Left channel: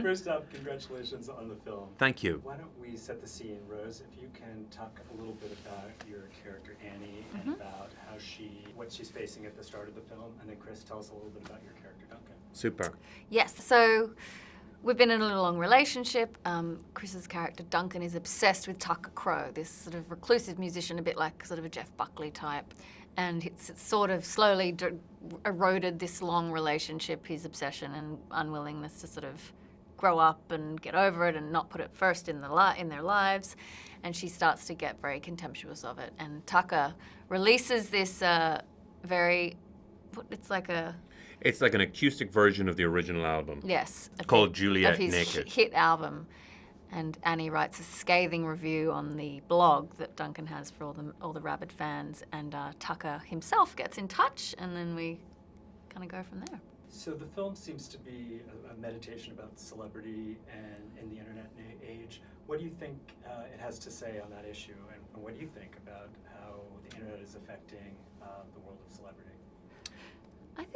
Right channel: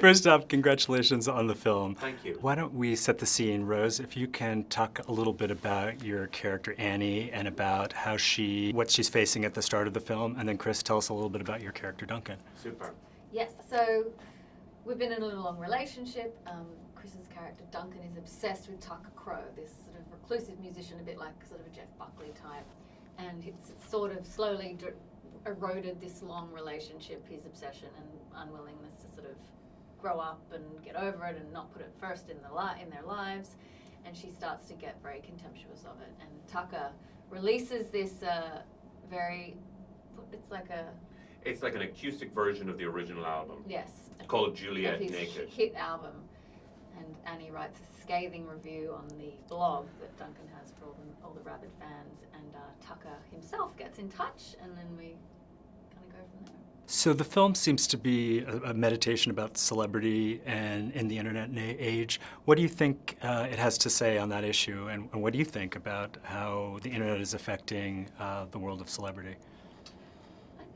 First off, congratulations on the film. Thank you. Why don't we set the scene, Rose? If you can talk a little bit about your character Annie and about how what she's facing at the start of the film, and then Chris, tell us a little bit about your character Duncan. Super. Yes, so we've been in a little long relationship. Chris's character Duncan is obsessed with Tucker Crow, this sort of reclusive musician, a bit like sort of a Jeff Buckley type. And it's sort of slowly eroded this long relationship, his obsession and unwillingness to sort of grow up and get over it and not put it first in their lives. And she starts to get very contemptuous of it. And Tucker releases this It's like an acoustic version of the original album. Yes. Called Juliet of his Naked. hit album. And Annie writes a scathing review on the blog that Duncan has for all the rabid fans. And Tucker himself gets in touch, and then we kind of go from there. So the film seems to be a meditation about celebrity and in the internet age. What do you think it has to say on that issue, and what do you think about how the internet is affecting the world of celebrity?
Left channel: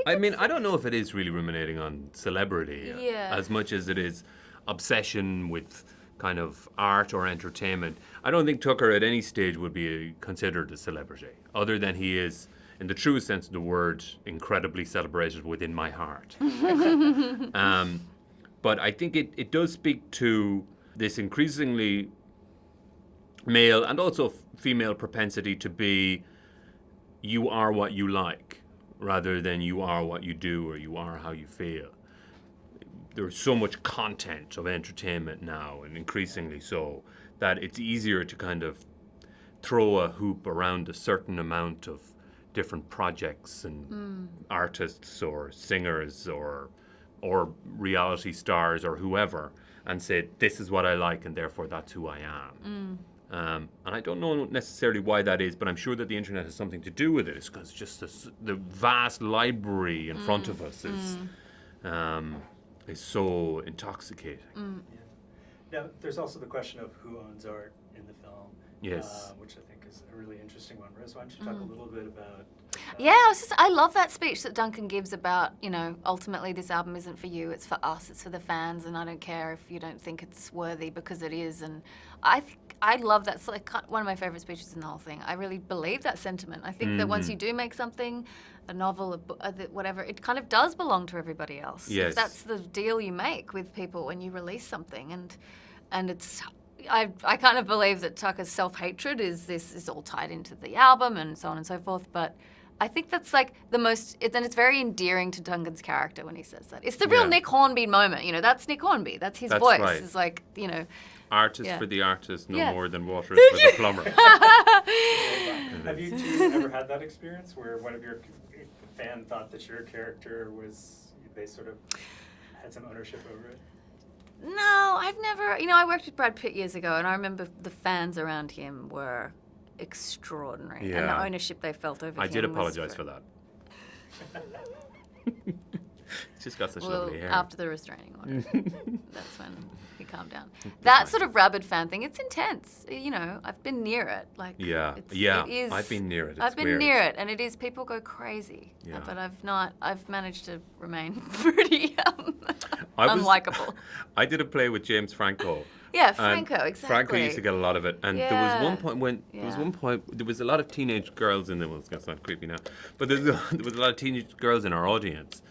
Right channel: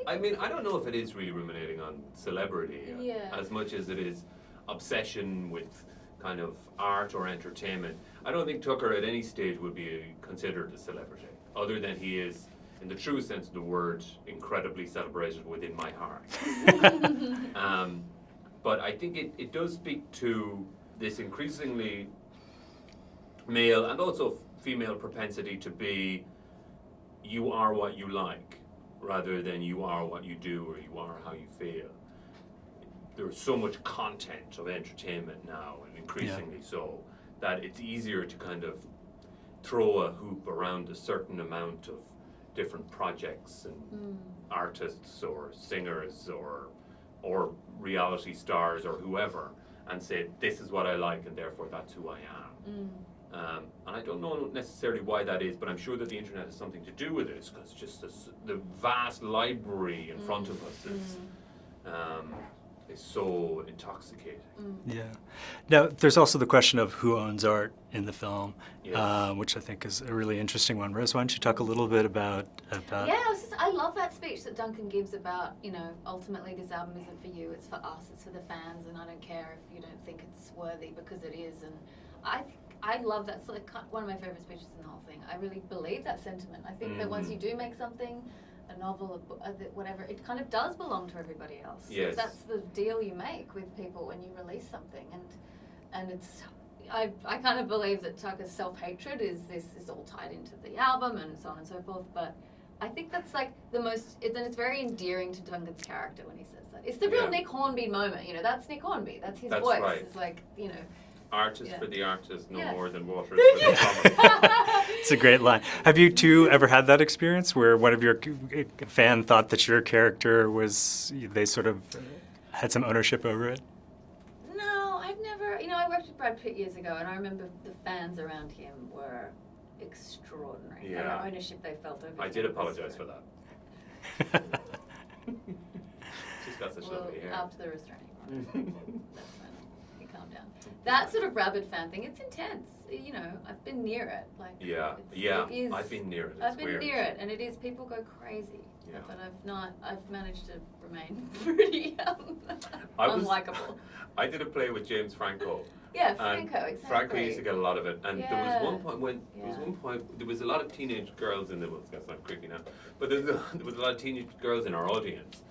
I mean, I don't know if it is really ruminating on celebrity as much as it is obsession with kind of art or entertainment. I don't think Tucker at any stage would be considered a celebrity, other than he is, in the truest sense of the word, incredibly celebrated within my heart. But I think it does speak to this increasingly male and also female propensity to be, you are what you like, rather than you are what you do or you are how you feel. There's so much content of entertainment now, and increasingly so, that it's easier to kind of throw a hoop around a certain amount of different projects and artists or singers or reality stars or whoever, and say, this is what I like and therefore that's who I am. And I don't know necessarily why that is, but I'm sure that the internet has something to do with it, because just the vast library in front of us is so intoxicating. Yeah. Now, there's also the question of who owns art in the film, Yes. which I think is a really interesting one. Rose, why don't you talk a little bit about Yeah, I love that speech that Duncan gives about, ultimately this album isn't for you, it's for us, it's for the fans, and I don't care if you don't think it's worthy, because it is. And I love that. It's like one of my favorite speeches in the whole thing. I really believe that sentiment. I think that once you do make something, a novel, whatever, it kind of does belong to everybody else. Yes. That's the deal you make with people when you release something. And it's, I kind of believe that Tucker's self-hatred is all tied into the album and so on and so forth. But I think that's like the most, and it's very endearing to Duncan's character when he says that. It's the real Nick Hornby moment. That's Nick Hornby. That's his voice. Right. It's like, Artist for the artist, no more than water for the plumber. It's a great line. Have you two ever had that experience where one of your fan thought that your character they sort of had some ownership over it? No, I've never. I worked with Brad Pitt years ago, and I remember the fans around him were extraordinary, and the ownership they felt over him. I did apologize for that. She's got such lovely hair. After the restraining order, that's when he calmed down. That sort of rabid fan thing, it's intense. I've been near it. Like, it is, I've been near it. I've been near it, and it is. People go crazy. Yeah. But I've not. I've managed to remain pretty unlikable. I did a play with James Franco. Yeah, Franco, exactly. Franco used to get a lot of it, and there was one point there was a lot of teenage girls in there. Well, it's gonna sound creepy now, but there was a lot of teenage girls in our audience,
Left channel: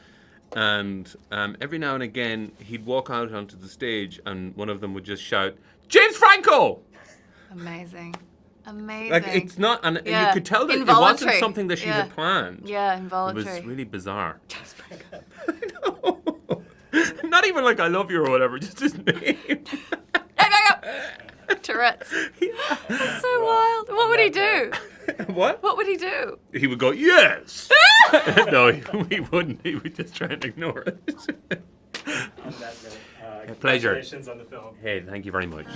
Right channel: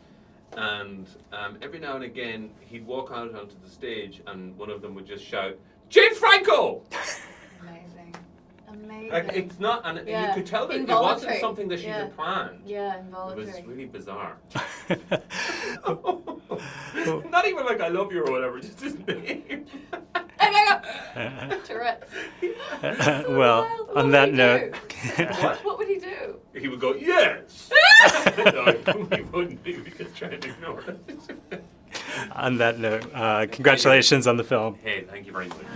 and every now and again he'd walk out onto the stage, and one of them would just shout, "James Franco!" Amazing. Like, it's not, and you could tell that it wasn't something that she had planned. Yeah, involuntary. It was really bizarre. Not even like I love you or whatever, just his name. Tourette's. So wild. What would he do? What would he do? He would go, yes! No, he wouldn't. He would just try to ignore it. On that note, congratulations on the film. Hey, thank you very much.